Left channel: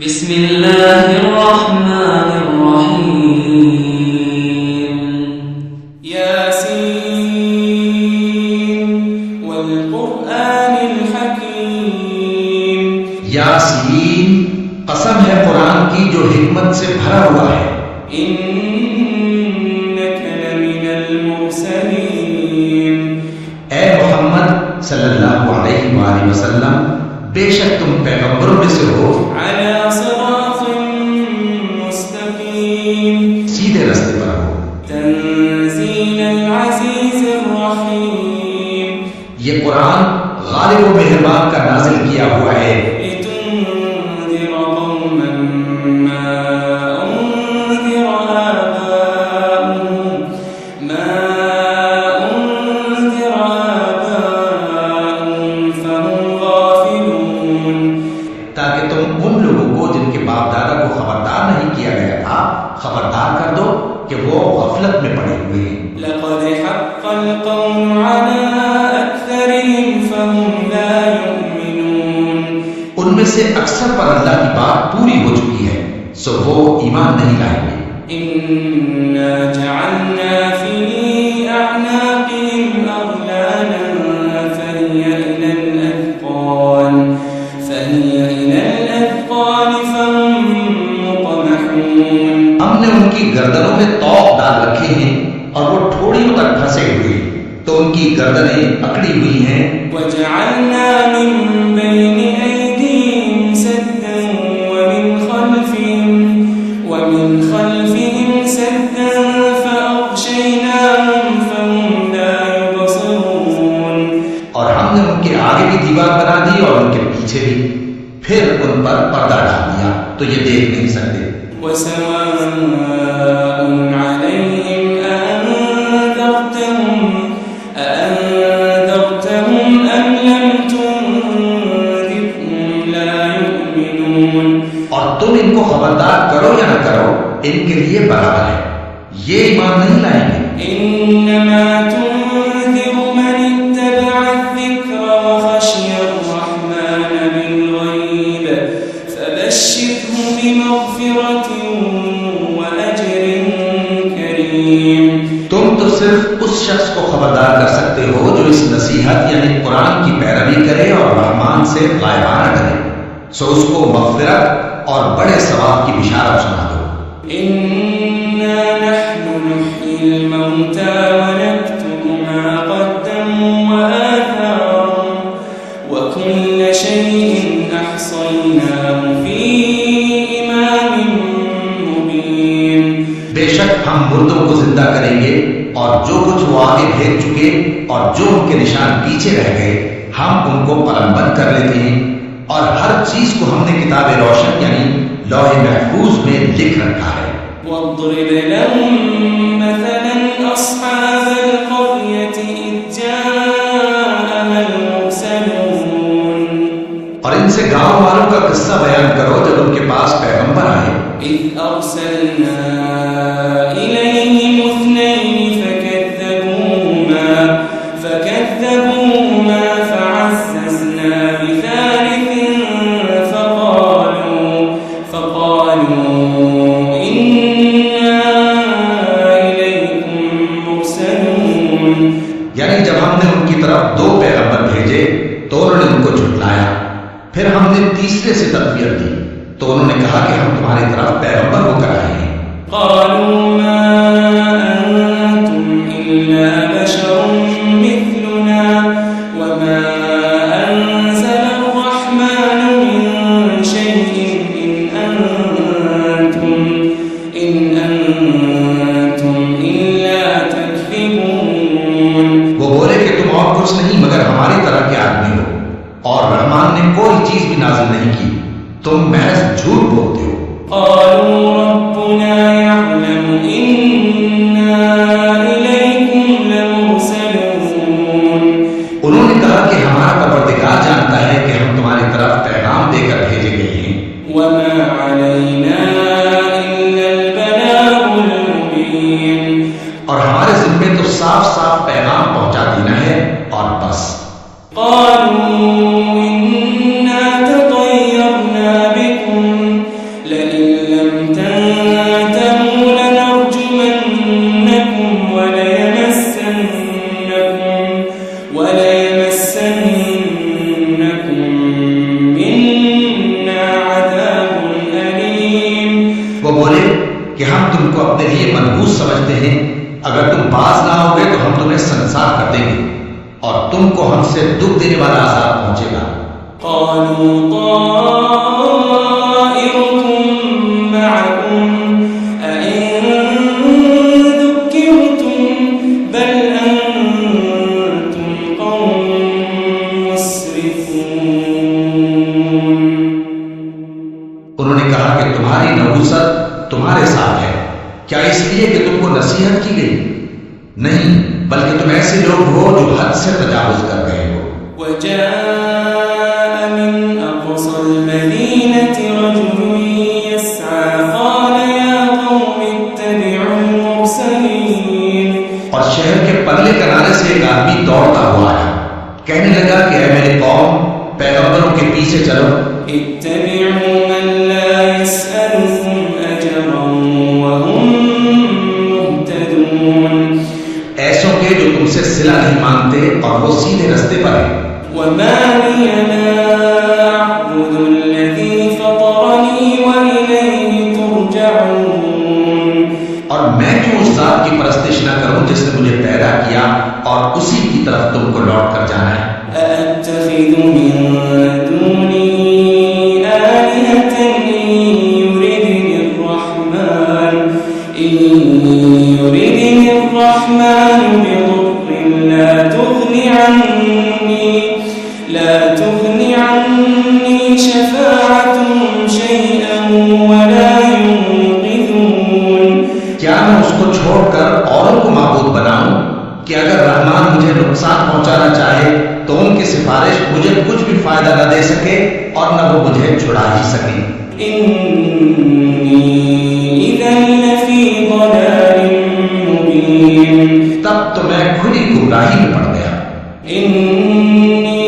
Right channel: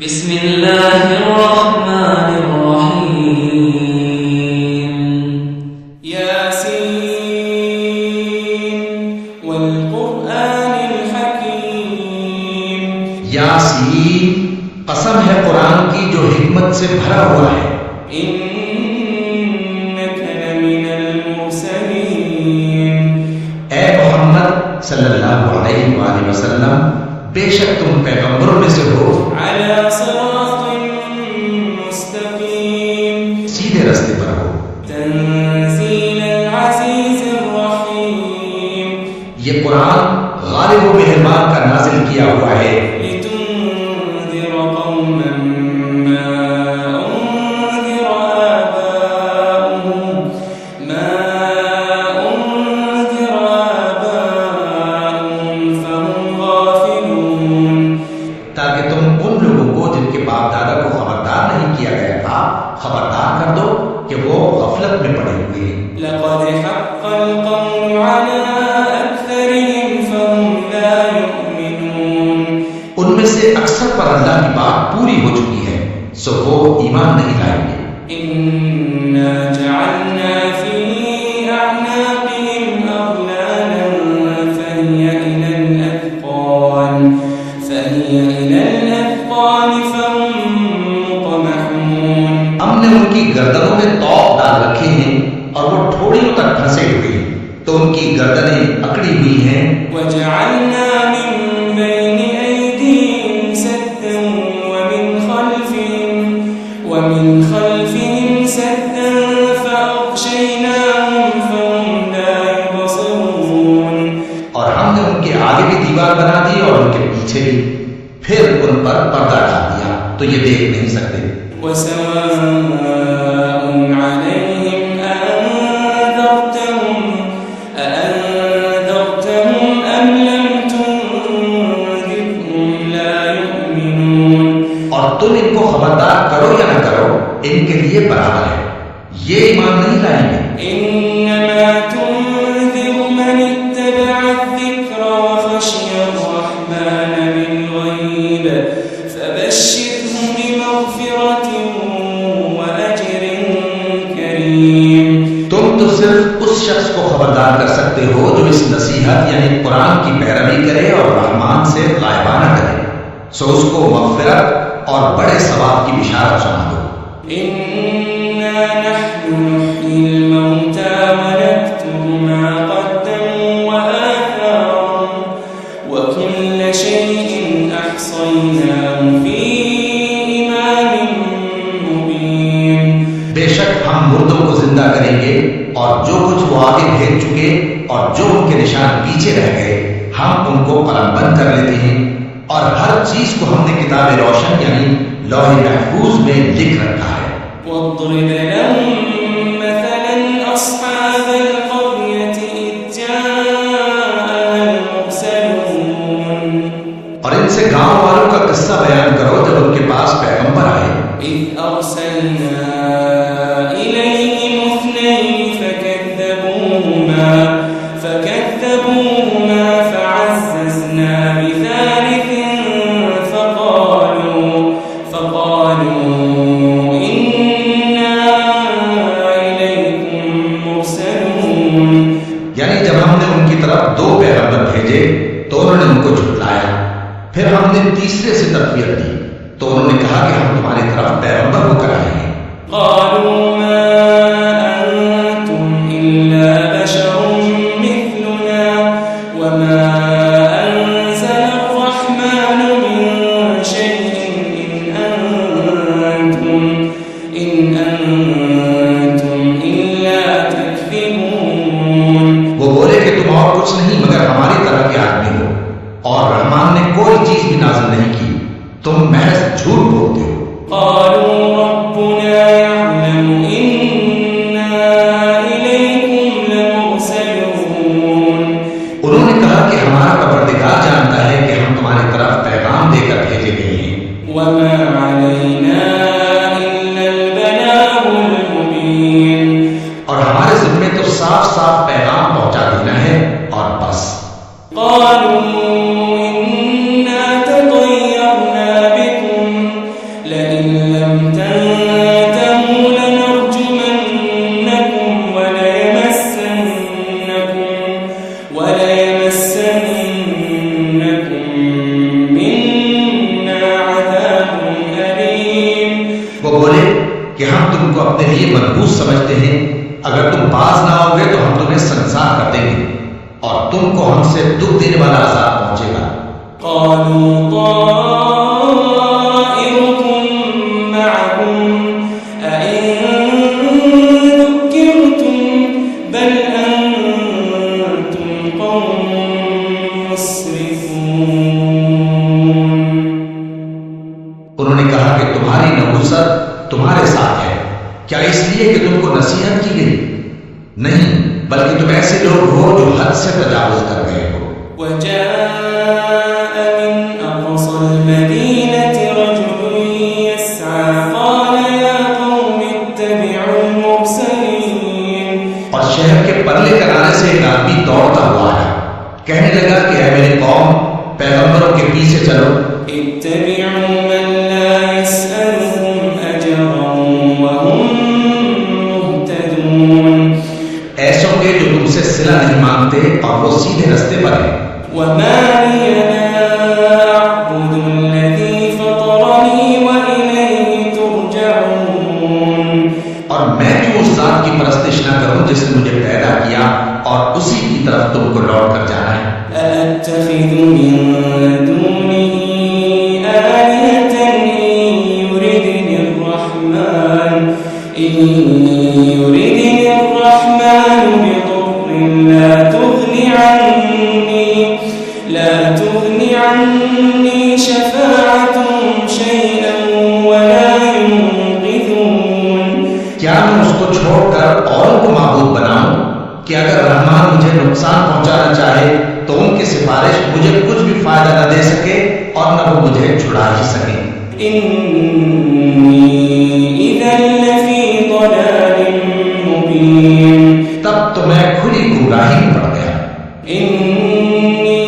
بسم اللہ الرحمن الرحیم یاسین والقرآن الحکیم یاسین قسم ہے قرآن کی جو حکمت سے بھرا ہوا ہے. انک لمن المرسلین اے محمد صلی اللہ علیہ وآلہ وسلم بے شک تم پیغمبروں میں سے ہو علی صراط مستقیم سیدھے رستے پر ہو. تنزیل العزیز الرحیم یہ قرآن غالب و مہربان کا نازل کیا ہوا ہے لتنذر قوما ما انذر آباؤهم فهم غافلون تاکہ تم ان لوگوں کو جن کے باپ دادا کو خبردار نہیں کیا گیا تھا خبردار کر دو کہ وہ غفلت میں پڑے ہوئے ہیں. لقد حق القول على أكثرهم فهم لا يؤمنون ان میں سے اکثر پر اللہ کی بات پوری ہو چکی ہے سو وہ ایمان نہیں لائیں گے. إنا جعلنا في أعناقهم أغلالا فهي إلى الأذقان فهم مقمحون ہم نے ان کی گردنوں میں طوق ڈال رکھے ہیں اور وہ ٹھوڑیوں تک پھنسے ہوئے ہیں تو ان کی گردنیں اکڑی ہوئی ہیں. وجعلنا من بين أيديهم سدا ومن خلفهم سدا فأغشيناهم فهم لا يبصرون اور ہم نے ان کے آگے بھی دیوار بنا دی اور ان کے پیچھے بھی پھر ان پر پردہ ڈال دیا تو یہ دیکھ نہیں سکتے. وسواء عليهم أأنذرتهم أم لم تنذرهم لا يؤمنون اور تم ان کو خبردار کرو یا نہ کرو ان کے لیے برابر ہے یہ ایمان نہیں لائیں گے. إنما تنذر من اتبع الذكر وخشي الرحمن بالغيب فبشره بمغفرة وأجر كريم. تم تو صرف اس شخص کو خبردار کر سکتے ہو جو اس نصیحت یعنی قرآن کی پیروی کرے اور رحمان سے غائبانہ ڈرے سو اس کو مغفرت اور بڑے ثواب کی بشارت سنا دو. إنا نحن نحيي الموتى ونكتب ما قدموا وآثارهم وكل شيء أحصيناه في إمام مبين. بے شک ہم مردوں کو زندہ کریں گے اور جو کچھ وہ آگے بھیج چکے اور جو ان کے نشان پیچھے رہ گئے ہم ان کو قلم بند کر لیتے ہیں اور ہر چیز کو ہم نے کتاب روشن یعنی لوح محفوظ میں لکھ رکھا ہے. واضرب لهم مثلا أصحاب القرية إذ جاءها المرسلون اور ان سے گاؤں والوں کا قصہ بیان کرو جب ان کے پاس پیغمبر آئے. إذ أرسلنا إليهم اثنين فكذبوهما فعززنا بثالث فقالوا إنا إليكم مرسلون. یعنی جب ہم نے ان کی طرف دو پیغمبر بھیجے تو انہوں نے ان کو جھٹلایا پھر ہم نے تیسرے سے تقویت دی تو انہوں نے کہا کہ ہم تمہاری طرف پیغمبر ہو کر آئے ہیں. قالوا ما أنتم إلا بشر مثلنا وما أنزل الرحمن من شيء إن أنتم إلا تكذبون. وہ بولے کہ تم اور کچھ نہیں مگر ہماری طرح کے آدمی ہو اور رحمان نے کوئی چیز بھی نازل نہیں کی تم محض جھوٹ بولتے ہو. قالوا ربنا يعلم إنا إليكم لمرسلون. انہوں نے کہا کہ ہمارا پروردگار جانتا ہے کہ ہم تمہاری طرف پیغام دے کر بھیجے گئے ہیں. وما علينا إلا البلاغ المبين. اور ہمارے ذمے تو صاف صاف پیغام پہنچا دینا ہے اور بس. قالوا إنا تطيرنا بكم لئن لم تنتهوا لنرجمنكم وليمسنكم منا عذاب أليم. وہ بولے کہ ہم تم کو اپنے لیے منحوس سمجھتے ہیں، اگر تم باز نہ ہوگے تو ہم تمہیں سنسار کر دیں گے اور تم کو ہم سے دکھ دینے والا عذاب پہنچے گا. قالوا طائركم معكم أئن ذكرتم بل أنتم قوم مسرفون. انہوں نے کہا کہ تمہاری نحوست تمہارے ساتھ ہے، کیا اس لیے کہ تم کو نصیحت کی گئی؟ نہیں، بلکہ تم ایسے لوگ ہو جو حد سے تجاوز کر گئے ہو. وجاء من أقصى المدينة رجل يسعى قال يا قوم اتبعوا المرسلين. اور شہر کے پرلے کنارے سے ایک آدمی دوڑتا ہوا آیا، کہنے لگا کہ اے میری قوم، پیغمبروں کے پیچھے چلو. اتبعوا من لا يسألكم أجرا وهم مهتدون. ایسوں کے جو تم سے صلہ نہیں مانگتے اور وہ سیدھے رستے پر ہیں. وما لي لا أعبد الذي فطرني وإليه ترجعون. اور میں کیوں اس ذات کی پرستش نہ کروں جس نے مجھے پیدا کیا اور اسی کی طرف تم کو لوٹ کر جانا ہے. أأتخذ من دونه آلهة إن يردني الرحمن بضر لا تغني عني شفاعتهم شيئا ولا ينقذون. کیا میں اس کو چھوڑ کر اوروں کو معبود بناؤں کہ اگر رحمان مجھے نقصان پہنچانا چاہے تو ان کی سفارش مجھے کچھ بھی فائدہ نہ دے سکے اور نہ وہ مجھے چھڑا ہی سکیں. إني إذا لفي ضلال مبين. تب تو میں کھلی گمراہی میں پڑ گیا. إني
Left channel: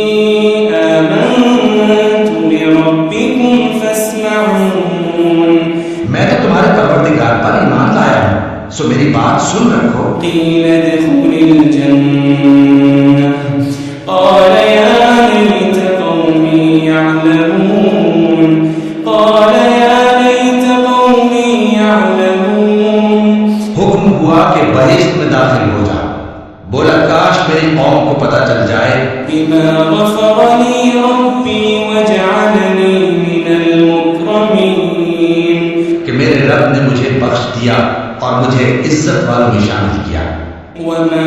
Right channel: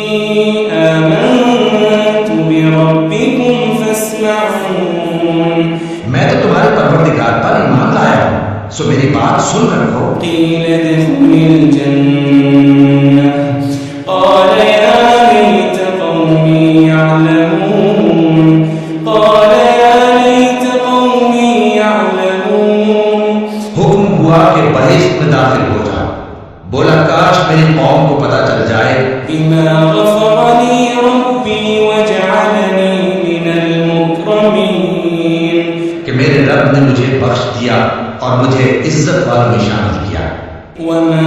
آمنت بربكم فاسمعون. میں تو تمہارے پروردگار پر ایمان لایا ہوں، سو میری بات سن رکھو. قيل ادخل الجنة قال يا ليت قومي يعلمون. حکم ہوا کہ بہشت میں داخل ہو جا. بولا کاش میری قوم کو پتہ چل جائے بما غفر لي ربي وجعلني من المكرمين. کہ میرے رب نے مجھے بخش دیا اور مجھے عزت والوں میں شامل کیا. وما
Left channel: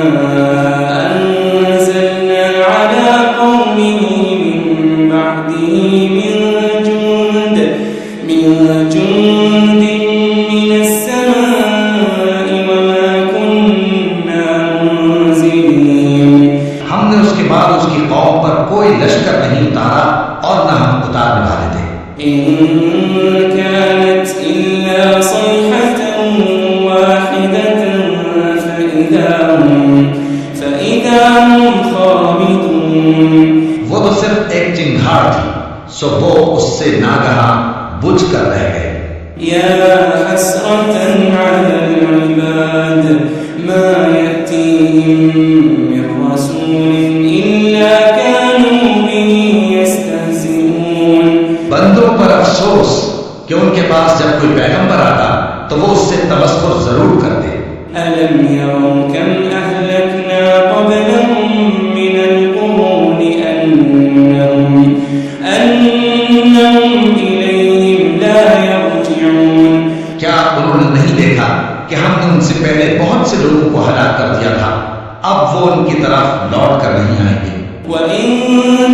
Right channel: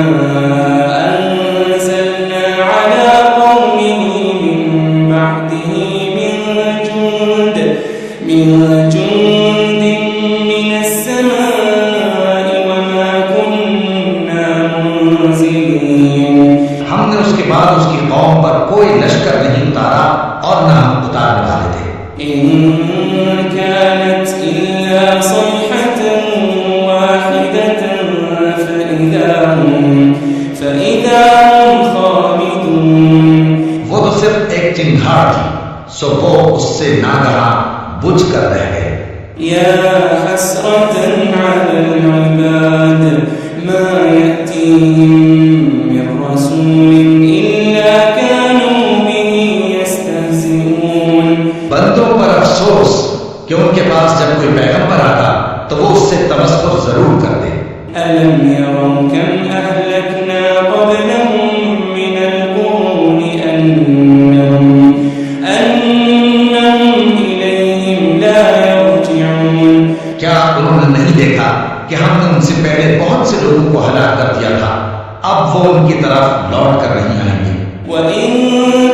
أنزلنا على قومه من بعده من جند من السماء وما كنا منزلين. ہم نے اس کے بعد اس کی قوم پر کوئی لشکر نہیں اتارا اور نہ ہم اتارنے والے تھے. إن كانت إلا صيحة واحدة فإذا هم خامدون. وہ تو صرف ایک چنگھاڑ تھی، سو وہ اس سے ناگہاں بجھ کر رہ گئے. يا حسرة على العباد ما يأتيهم من رسول إلا كانوا به يستهزئون. بندوں پر افسوس کہ ان کے پاس جب کوئی پیغمبر آتا تو وہ اس سے تمسخر ضرور کرتے. ألم يروا كم أهلكنا قبلهم من القرون أنهم إليهم لا يرجعون. کیا انہوں نے نہیں دیکھا کہ ہم نے ان سے پہلے بہت سے لوگوں کو ہلاک کر دیا تھا، اب وہ ان کی طرف لوٹ کر نہیں آئیں گے. وَإِن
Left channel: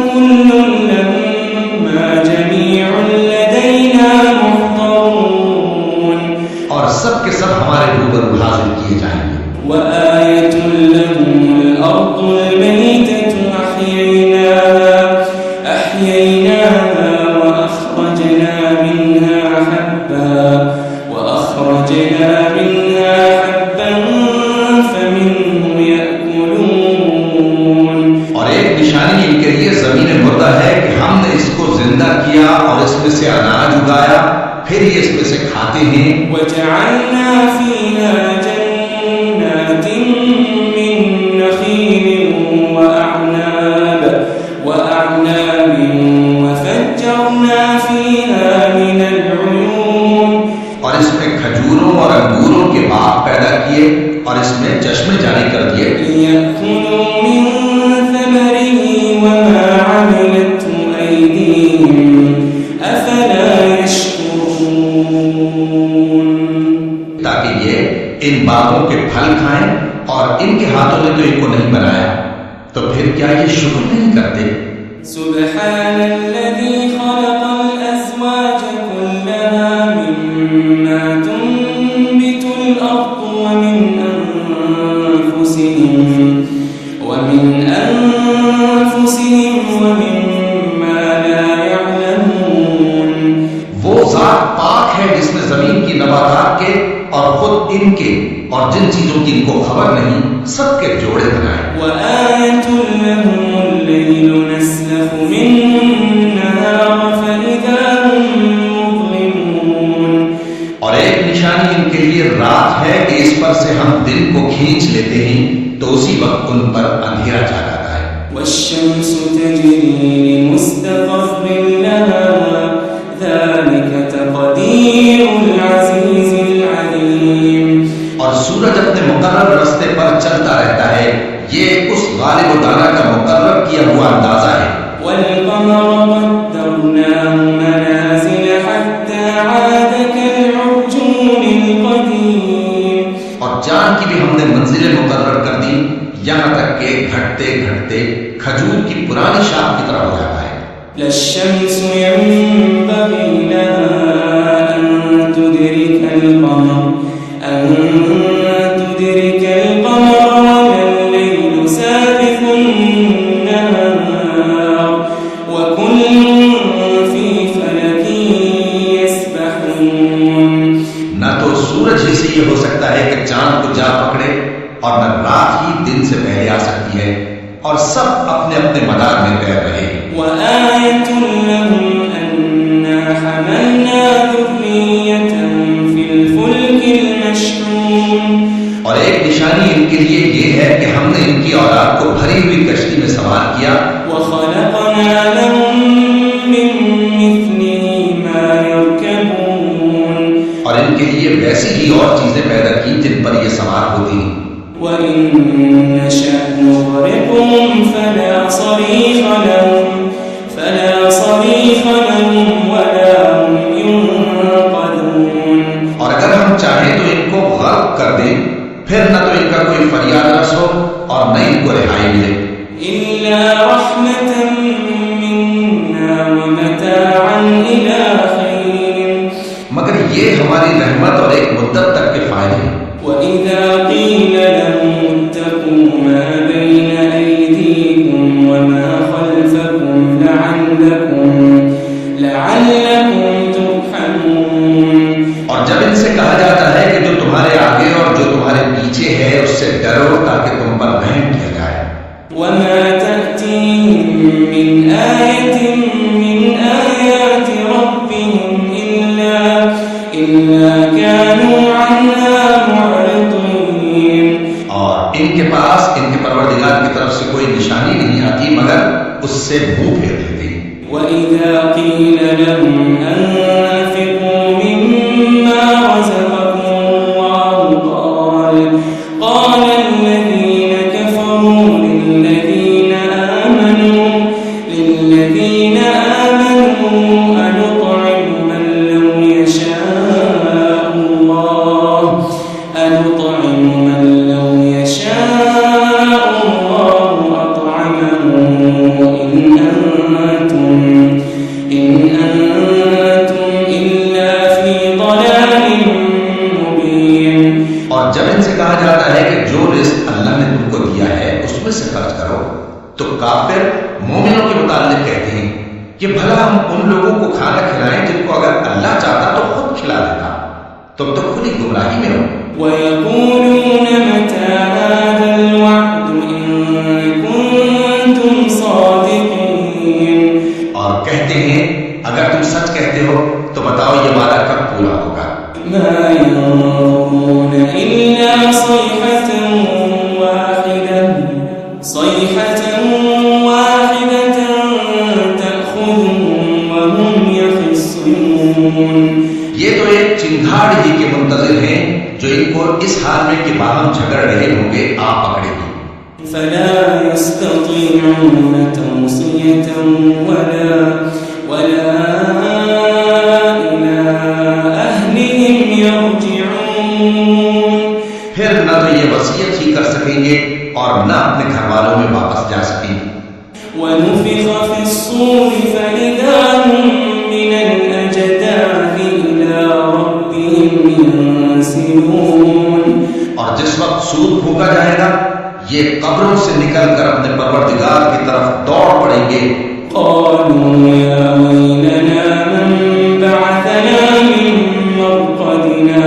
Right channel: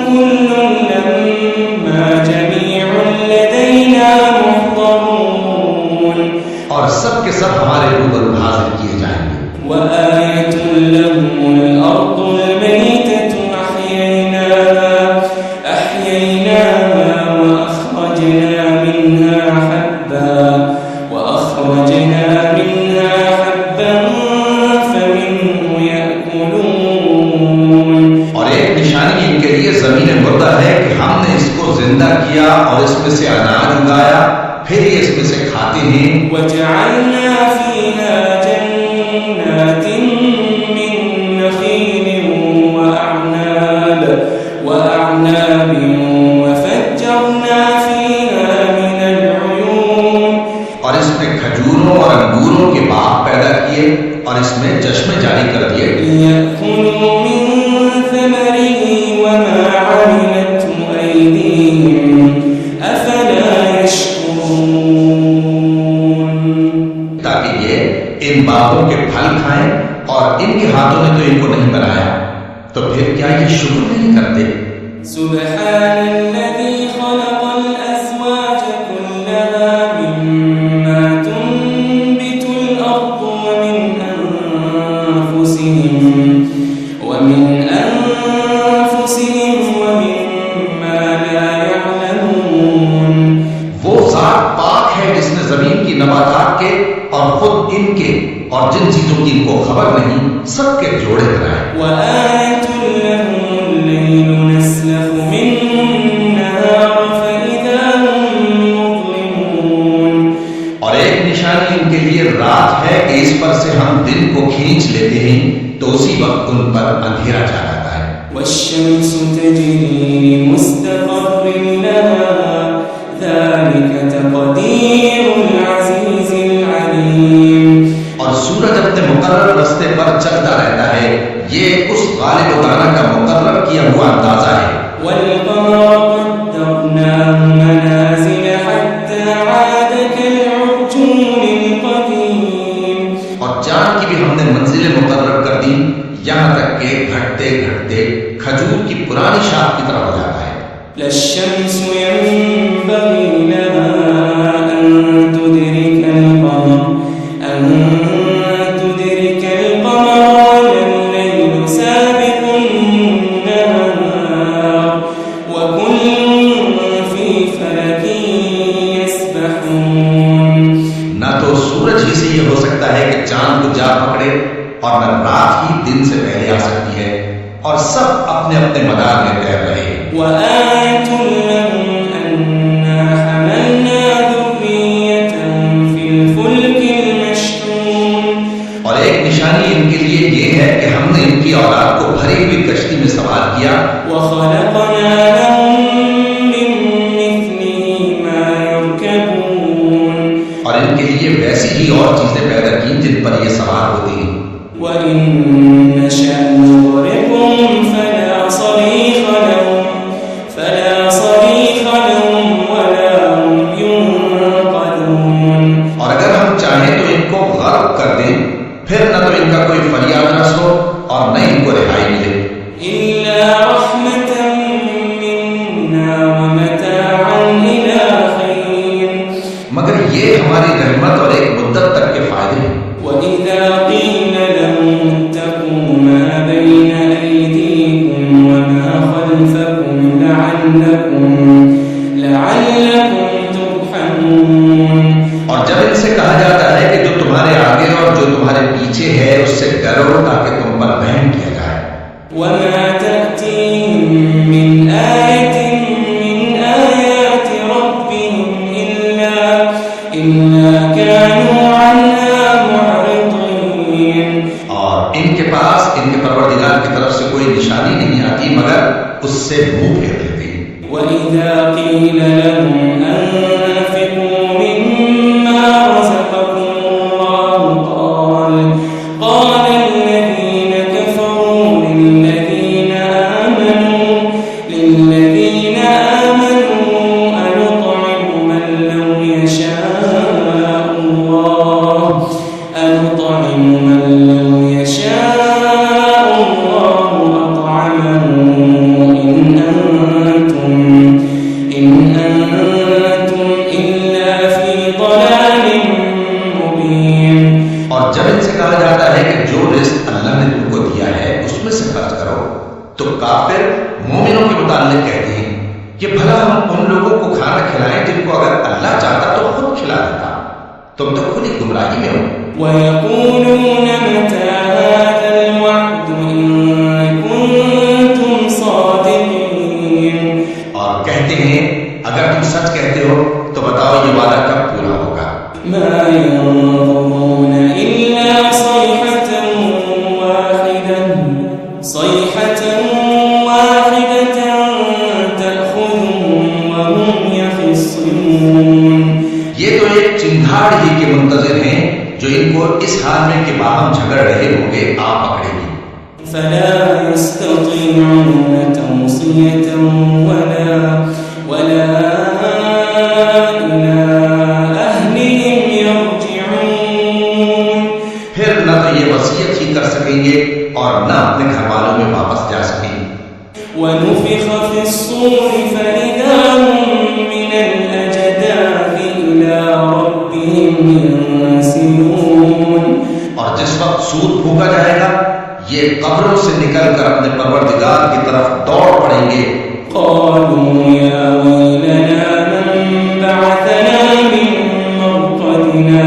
كُلٌّ لَمَّا جَمِيعٌ لَدَيْنَا مُحْضَرُونَ. اور سب کے سب ہمارے روبرو حاضر کیے جائیں گے. وَآيَةٌ لَهُمُ الْأَرْضُ الْمَيْتَةُ أَحْيَيْنَاهَا وَأَخْرَجْنَا مِنْهَا حَبًّا فَمِنْهُ يَأْكُلُونَ. اور ایک نشانی ان کے لیے زمین مردہ ہے کہ ہم نے اس کو زندہ کیا اور اس میں سے اناج اگایا، پھر یہ اس میں سے کھاتے ہیں. وجعلنا فيها جنات من نخيل وأعناب وفجرنا فيها من العيون. اور اس میں کھجوروں اور انگوروں کے باغ پیدا کیے اور اس میں چشمے جاری کر دیے. ليأكلوا من ثمره وما عملته أيديهم أفلا يشكرون. تاکہ یہ ان باغوں کے پھل کھائیں اور ان کے ہاتھوں نے تو ان کو نہیں بنایا، تو پھر کیا یہ شکر نہیں کرتے؟ سبحان الذي خلق الأزواج كلها مما تنبت الأرض ومن أنفسهم ومما لا يعلمون. وہ ذات پاک ہے جس نے زمین کی نباتات کے اور خود ان کے اور جن چیزوں کی ان کو خبر نہیں سب کے جوڑے بنائے. وآية لهم الليل نسلخ منه النهار فإذا هم مظلمون. اور ایک نشانی ان کے لیے رات ہے کہ اس پر سے ہم دن کو کھینچ لیتے ہیں تو اسی وقت ان پر اندھیرا چھا جاتا ہے. والشمس تجري لمستقر لها ذلك تقدير العزيز العليم. اور سورج اپنے مقرر راستے پر چلتا رہتا ہے، یہ اس غالب و دانا کا مقرر کیا ہوا اندازہ ہے. والقمر قدرناه منازل حتى عاد كالعرجون القديم. اور چاند کی بھی ہم نے منزلیں مقرر کر دی یہاں تک کہ گھٹتے گھٹتے کھجور کی پرانی شاخ کی طرح ہو جاتا ہے. لا الشمس ينبغي لها أن تدرك القمر ولا الليل سابق النهار وكل في فلك يسبحون. نہ تو سورج ہی سے یہ ہو سکتا ہے کہ چاند کو جا پکڑے اور نہ رات ہی دن سے پہلے آ سکتی ہے، اور سب اپنے اپنے مدار میں تیر رہے ہیں. وآية لهم أنا حملنا ذريتهم في الفلك المشحون. اور ایک نشانی ان کے لیے یہ ہے کہ ہم نے ان کی اولاد کو بھری ہوئی کشتی میں سوار کیا. وخلقنا لهم من مثله ما يركبون. اور ان کے لیے ویسی ہی اور چیزیں پیدا کی جن پر یہ سوار ہوتے ہیں. وإن نشأ نغرقهم فلا صريخ لهم ولا هم ينقذون. اور اگر ہم چاہیں تو ان کو غرق کر دیں، پھر نہ تو ان کا کوئی فریاد رس ہو اور نہ ان کو رہائی ملے. إلا رحمة منا ومتاعا إلى حين. مگر یہ ہماری رحمت اور ایک مدت تک کے فائدے ہیں. وإذا قيل لهم اتقوا ما بين أيديكم وما خلفكم لعلكم ترحمون. اور جب ان سے کہا جاتا ہے کہ جو تمہارے آگے اور جو تمہارے پیچھے ہے اس سے ڈرو تاکہ تم پر رحم کیا جائے. وما تأتيهم من آية من آيات ربهم إلا كانوا عنها معرضين. اور ان کے پاس ان کے پروردگار کی طرف سے کوئی نشانی نہیں آتی مگر اس سے منہ پھیر لیتے. وإذا قيل لهم أنفقوا مما رزقكم الله قال الذين كفروا للذين آمنوا أنطعم من لو يشاء الله أطعمه إن أنتم إلا في ضلال مبين. اور جب ان سے کہا جاتا ہے کہ جو رزق اللہ نے تم کو دیا ہے اس میں سے خرچ کرو تو کافر مومنوں کے متعلق کہتے ہیں کہ بھلا ہم ان لوگوں کو کھانا کھلائیں جن کو اگر اللہ چاہتا تو خود کھلا دیتا. تم تو کھلی گمراہی میں ہو. وَيَقُولُونَ مَتَى هَذَا الْوَعْدُ إِن كُنتُمْ صَادِقِينَ. اور کہتے ہیں اگر تم سچ کہتے ہو تو بتاؤ یہ وعدہ کب ما ينظرون إلا صيحة واحدة تأخذهم وهم يخصمون. یہ تو ایک چنگھاڑ ہی کے منتظر ہیں جو ان کو اس حال میں کہ باہم جھگڑ رہے ہوں گے آ پکڑے گی. فلا يستطيعون توصية ولا إلى أهلهم يرجعون. پھر نہ تو یہ وصیت ہی کر سکیں گے اور نہ اپنے گھر والوں میں واپس جا سکیں گے. ونفخ في الصور فإذا هم من الأجداث إلى ربهم ينسلون. اور جس وقت سور پھونکا جائے گا یہ قبروں سے نکل کر اپنے پروردگار کی طرف دوڑ پڑیں گے. قالوا يا ويلنا من بعثنا من مرقدنا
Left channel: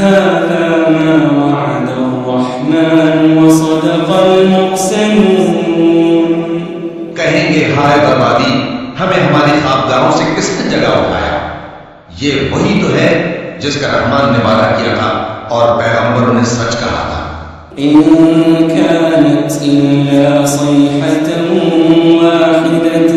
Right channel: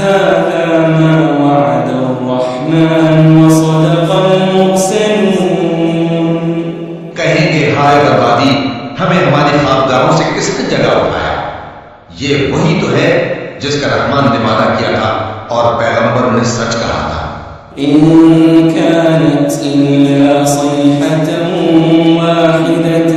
هذا ما وعد الرحمن وصدق المرسلون. کہیں گے ہائے بربادی، ہمیں ہماری خوابگاہوں سے کس نے جگہ اٹھایا. یہ وہی تو ہے جس کا رحمان نے وعدہ کیا تھا اور پیغمبروں نے سچ کہا تھا. إن كانت إلا صيحة واحدة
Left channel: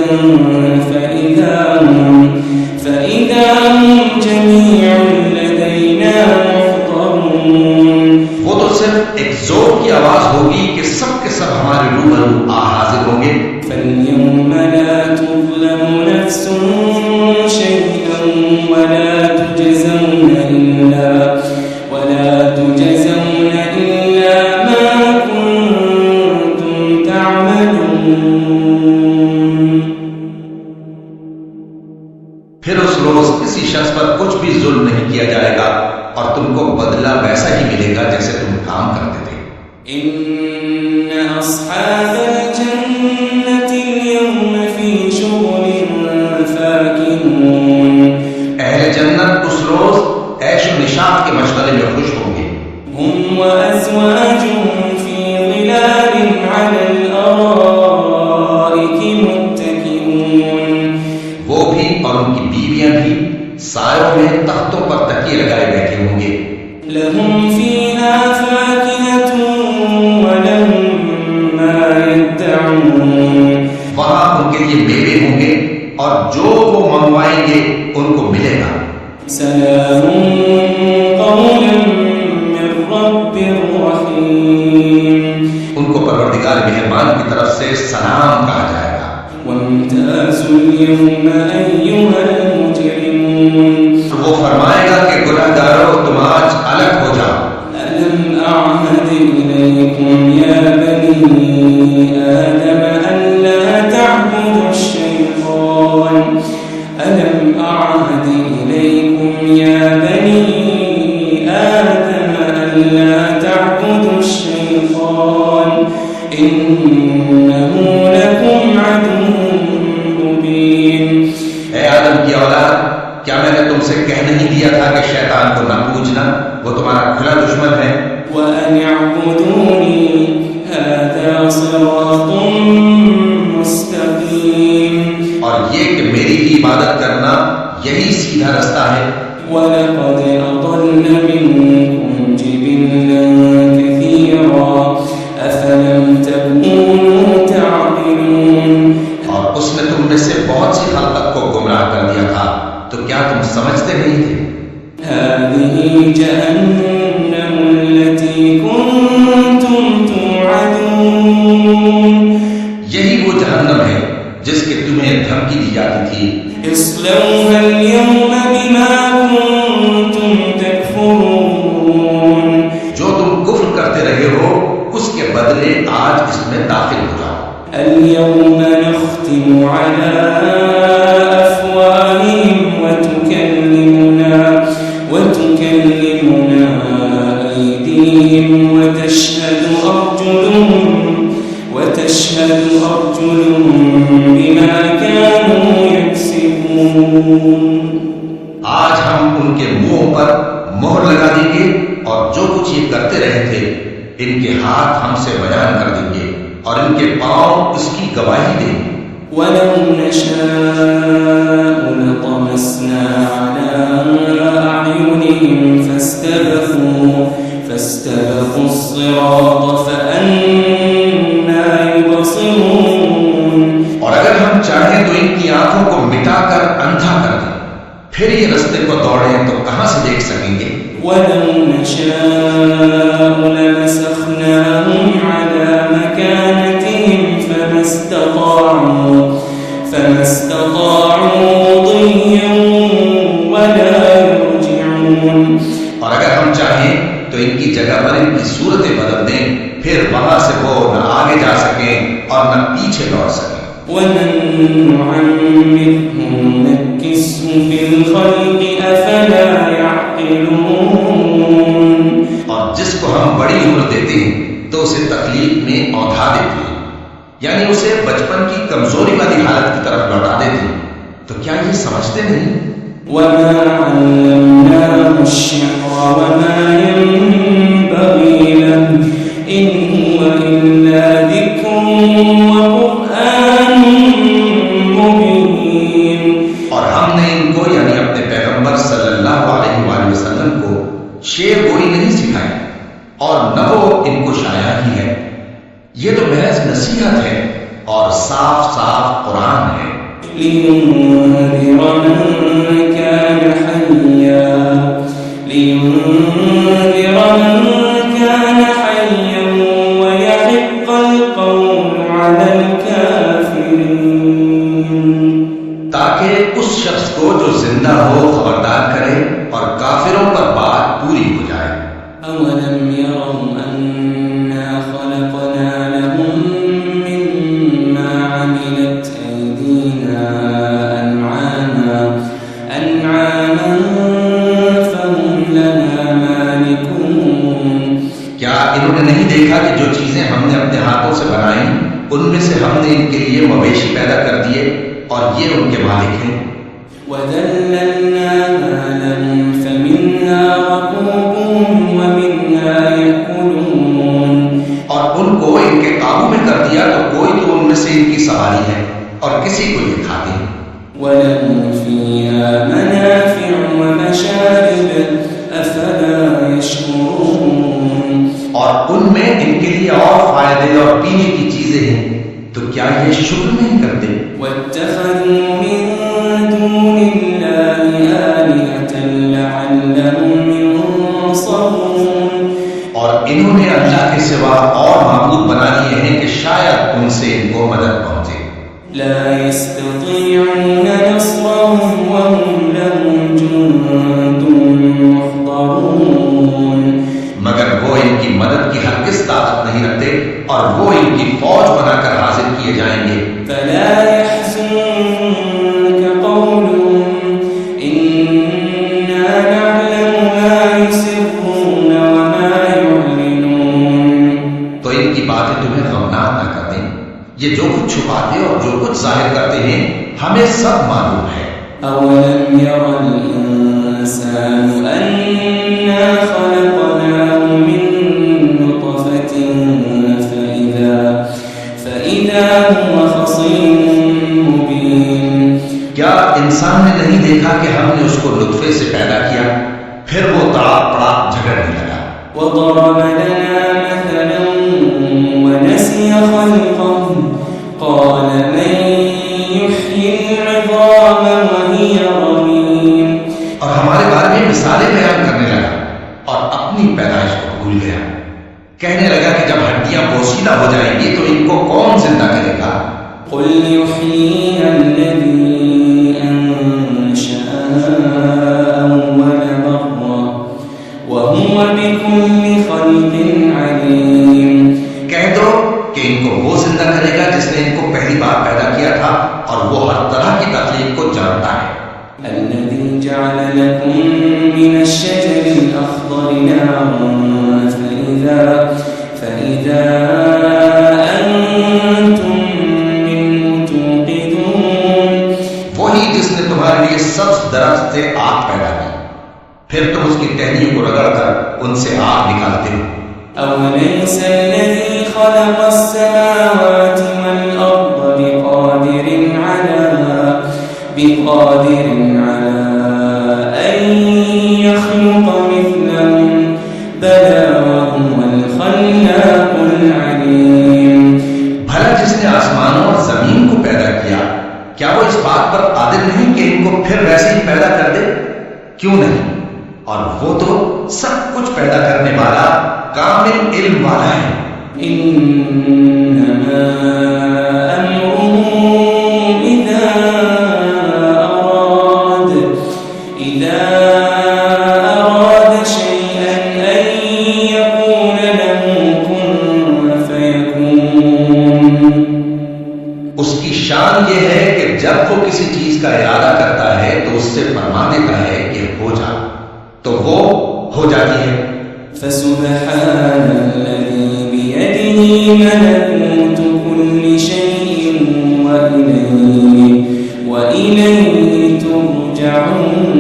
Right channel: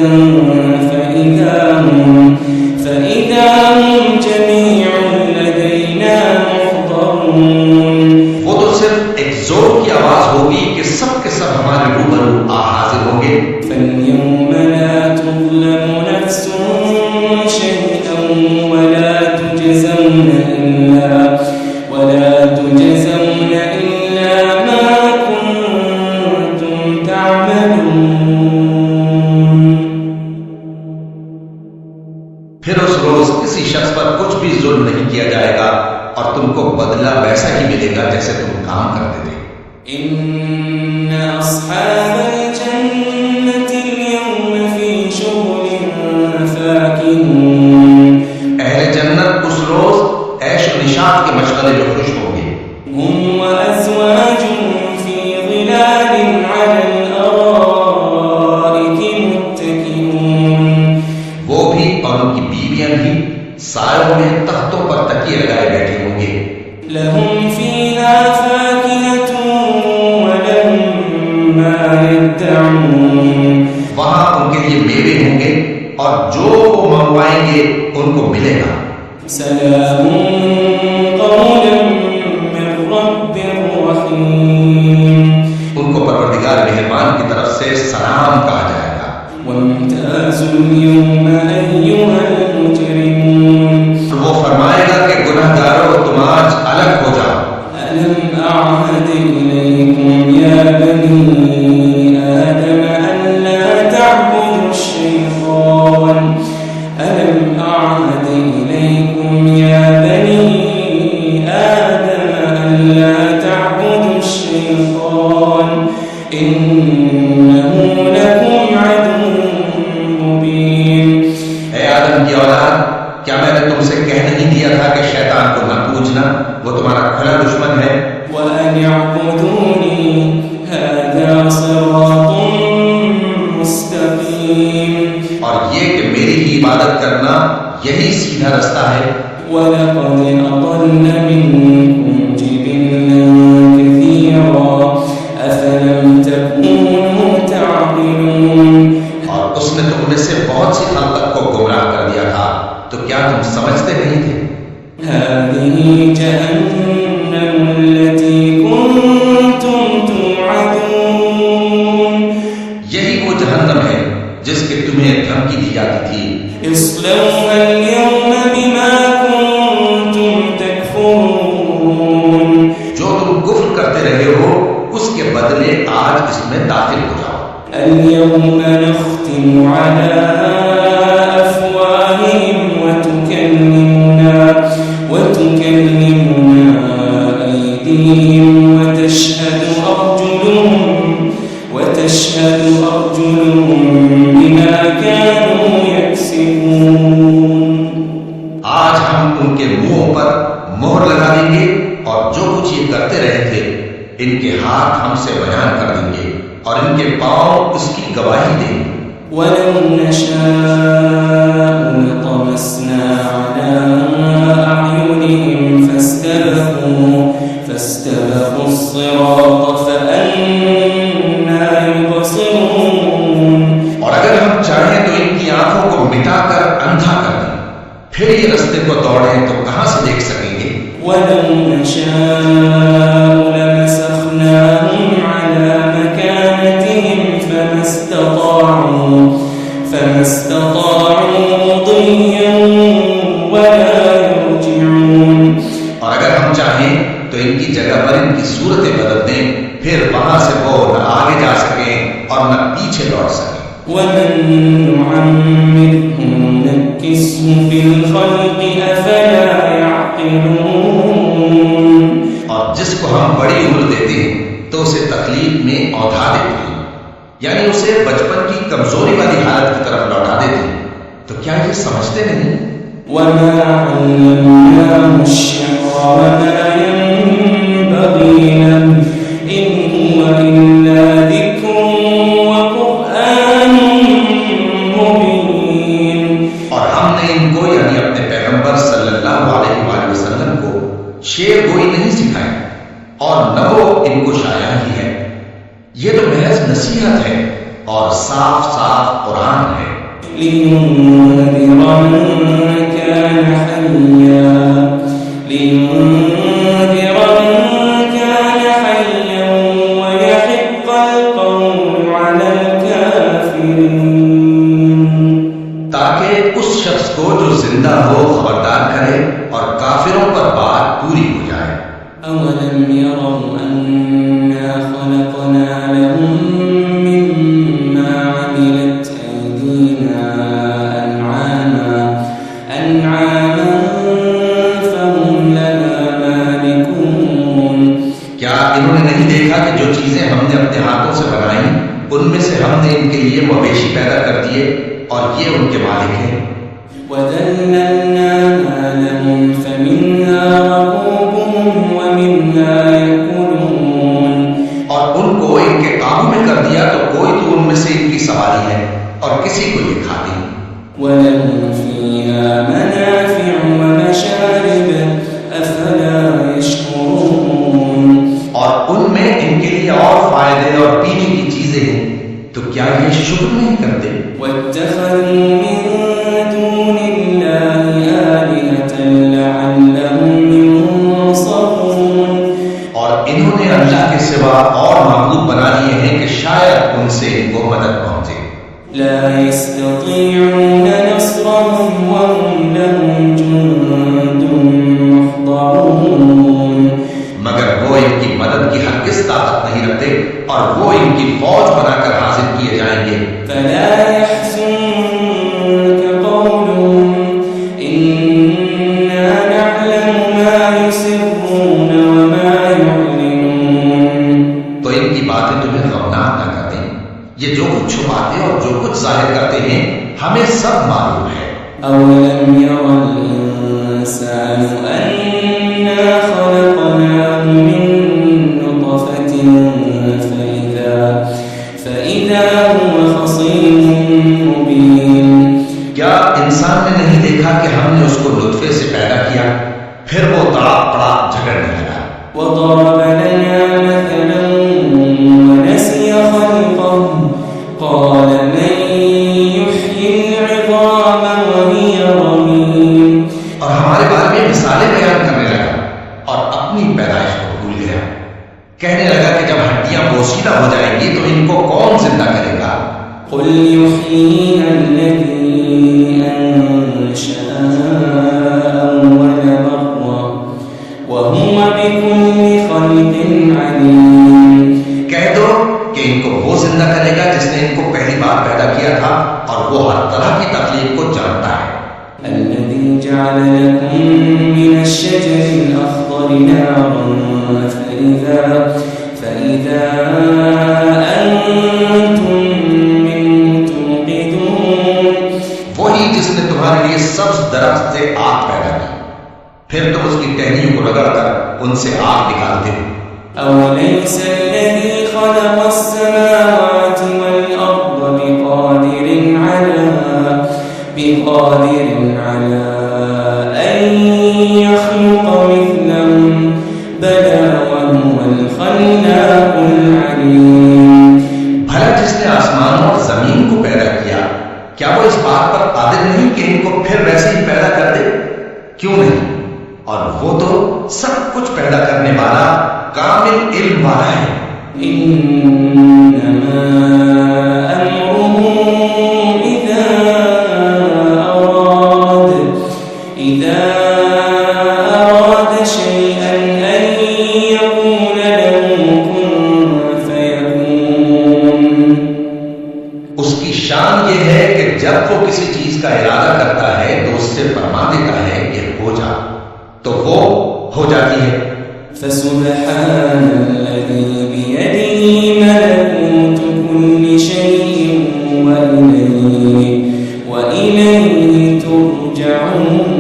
فإذا هم جميع لدينا محضرون. وہ تو صرف ایک زور کی آواز ہوگی کہ سب کے سب ہمارے روبرو حاضر ہوں گے. فاليوم لا تظلم نفس شيئا ولا تجزون إلا ما كنتم تعملون. پھر اس روز کسی شخص پر کچھ بھی ظلم نہیں کیا جائے گا اور تم کو بدلہ ویسا ہی ملے گا جیسے تم کام کرتے تھے. إن أصحاب الجنة اليوم في شغل فاكهون. اہل جنت اس روز عیش و نشاط کے مشغلے میں خوش ہوں گے. هم وأزواجهم في ظلال على الأرائك متكئون. وہ بھی اور ان کی بیویاں بھی سایوں میں تختوں پر تکیے لگائے بیٹھے ہوں گے. لهم فيها فاكهة ولهم ما يدعون. وہاں ان کے لیے میوے ہوں گے اور جو وہ منگوائیں گے ان کو ملے گا. سلام قولا من رب رحیم. ان کو پروردگار مہربان کی طرف سے سلام کہا جائے گا. وامتازوا اليوم أيها المجرمون. وہ فرمائے گا کہ گناہ گارو تم آج الگ ہو جاؤ. ألم أعهد إليكم يا بني آدم ألا تعبدوا الشيطان. ألم أعهد إليكم يا بني آدم ألا تعبدوا الشيطان إنه لكم عدو مبين. اے آدم کی اولاد، کیا میں نے تم سے کہہ نہیں دیا تھا کہ شیطان کو نہ پوجنا، وہ تمہارا کھلا دشمن ہے. وأن اعبدوني هذا صراط مستقيم. اور یہ کہ میری ہی عبادت کرنا یہی سیدھا رستہ ہے. وَلَقَدْ أَضَلَّ مِنكُمْ جِبِلًّا كَثِيرًا أَفَلَمْ تَكُونُوا تَعْقِلُونَ. اور اس نے تم میں سے بہت سی خلقت کو گمراہ کر دیا تھا، تو کیا تم سمجھتے نہیں تھے؟ هَذِهِ جَهَنَّمُ الَّتِي كُنتُمْ تُوعَدُونَ. یہی وہ جہنم ہے جس کی تمہیں دھمکی دی جاتی تھی. اصلوها اليوم بما كنتم تكفرون. جو تم کفر کرتے رہے ہو اس کے بدلے آج اس میں داخل ہو جاؤ. اليوم نختم على أفواههم وتكلمنا أيديهم وتشهد أرجلهم بما كانوا يكسبون. آج ہم ان کے منہوں پر مہر لگا دیں گے اور جو کچھ یہ کرتے رہے تھے ان کے ہاتھ ہم سے بیان کر دیں گے اور ان کے پاؤں اس کی گواہی دیں گے. وَلَوْ نَشَاءُ لَطَمَسْنَا عَلَىٰ أَعْيُنِهِمْ عليهم فاستبقوا الصراط فأنى يبصرون. اور اگر ہم چاہیں تو ان کی آنکھوں کو مٹا کر اندھا کر دیں، پھر یہ رستے کو دوڑیں تو کہاں سے دیکھ سکیں گے؟ وَلَوْ نَشَاءُ لَمَسَخْنَاهُمْ عَلَى مَكَانَتِهِمْ فَمَا اسْتَطَاعُوا مُضِيًّا وَلَا يَرْجِعُونَ. اور اگر ہم چاہیں تو ان کی جگہ پر ان کی صورتیں بدل دیں، پھر وہاں سے وہ نہ آگے جا سکیں اور نہ پیچھے لوٹ سکیں. وَمَن نُّعَمِّرْهُ نُنَكِّسْهُ فِي الْخَلْقِ أَفَلَا يَعْقِلُونَ. اور جس کو ہم بڑی عمر دیتے ہیں تو اسے تخلیق میں اوندھا دیتے ہیں، یعنی اسے بچپن کی کمزوری والی حالت کی طرف لوٹا دیتے ہیں. تو کیا یہ سمجھتے نہیں؟ وَمَا عَلَّمْنَاهُ الشِّعْرَ وَمَا يَنبَغِي لَهُ إِنْ هُوَ إِلَّا ذِكْرٌ وَقُرْآنٌ مُبِينٌ. اور ہم نے ان کو یعنی اپنے پیغمبر صلی اللہ علیہ وآلہ وسلم کو شعر گوئی نہیں سکھائی، اور نہ وہ ان کو شاعر ہی ہے. یہ تو محض نصیحت ہے اور صاف صاف قرآن ہے. لِيُنذِرَ مَن كَانَ حَيًّا وَيَحِقَّ الْقَوْلُ عَلَى الْكَافِرِينَ. تاکہ اس شخص کو جو زندہ ہو خبردار کرے اور کافروں پر بات پوری ہو جائے. أَوَلَمْ يَرَوْا أَنَّا خَلَقْنَا لَهُم مِّمَّا عَمِلَتْ أَيْدِينَا أَنْعَامًا فَهُمْ لَهَا مَالِكُونَ. کیا انہوں نے نہیں دیکھا کہ جو چیزیں ہم نے اپنے ہاتھوں سے بنائیں ان میں سے ہم نے ان کے لیے مویشی پیدا کر دیے اور یہ ان کے مالک ہیں. وَذَلَّلْنَاهَا لَهُمْ فَمِنْهَا رَكُوبُهُمْ وَمِنْهَا يَأْكُلُونَ. اور ان کو ان کے قابو میں کر دیا تو کوئی تو ان میں سے ان کی سواری ہے اور کسی کو یہ کھاتے ہیں. وَلَهُمْ فِيهَا مَنَافِعُ وَمَشَارِبُ أَفَلَا يَشْكُرُونَ. اور ان میں ان کے لیے اور فائدے اور پینے کی چیزیں ہیں، تو کیا یہ شکر نہیں کرتے؟ وَاتَّخَذُوا مِن دُونِ اللَّهِ آلِهَةً لَعَلَّهُمْ يُنصَرُونَ. اور انہوں نے اللہ کے سوا اور معبود بنا لیے ہیں کہ شاید ان سے ان کو مدد پہنچے. لا يستطيعون نصرهم وهم لهم جند محضرون. مگر وہ ان کی مدد کی ہرگز طاقت نہیں رکھتے اور وہ ان کی فوج بنا کر حاضر کیے جائیں گے. فلا يحزنك قولهم إنا نعلم ما يسرون وما يعلنون. تو ان کی باتیں تمہیں غمناک نہ کر دیں. یہ جو کچھ چھپاتے اور جو کچھ ظاہر کرتے ہیں ہمیں سب معلوم ہے. أولم ير الإنسان أنا خلقناه من نطفة فإذا هو خصيم مبين. کیا انسان نے نہیں دیکھا کہ ہم نے اس کو نطفے سے پیدا کیا، پھر وہ تڑاک پڑاک جھگڑنے لگا. وضرب لنا مثلا ونسي خلقه قال من يحيي العظام وهي رميم. اور ہمارے بارے میں مثالیں بیان کرنے لگا اور اپنی پیدائش کو بھول گیا. کہنے لگا کہ جب ہڈیاں بوسیدہ ہو جائیں گی تو ان کو کون زندہ کرے گا؟ قل يحييها الذي أنشأها أول مرة وهو بكل خلق عليم. کہہ دو کہ ان کو وہ زندہ کرے گا جس نے ان کو پہلی بار پیدا کیا تھا اور وہ ہر طرح کی تخلیق کو جانتا ہے. الذي جعل لكم من الشجر الأخضر نارا فإذا أنتم منه توقدون. وہی جس نے تمہارے لیے سبز درخت سے آگ پیدا کی، پھر تم اس کی ٹہنیوں کو رگڑ کر ان سے آگ نکالتے ہو. أوليس الذي خلق السماوات والأرض بقادر على أن يخلق کیا وہ اس بات پر قادر نہیں کہ ان کو پھر ویسے ہی پیدا کر دے؟ کیوں نہیں؟ اور وہ تو سب کچھ پیدا کرنے والا کامل علم والا ہے۔ انما امره اذا اراد شيئا ان يقول له كن فيكون۔ اس کی شان یہ ہے کہ جب وہ کسی چیز کا ارادہ کرتا ہے تو اس سے فرما دیتا ہے کہ ہو جا، تو وہ ہو جاتی ہے۔ فسبحان الذي بيده ملكوت كل شيء وإليه ترجعون۔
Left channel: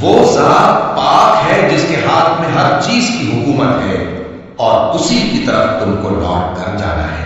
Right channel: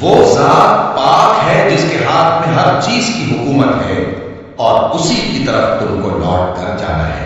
وہ ذات پاک ہے جس کے ہاتھ میں ہر چیز کی حکومت ہے اور اسی کی طرف تم کو لوٹ کر جانا ہے۔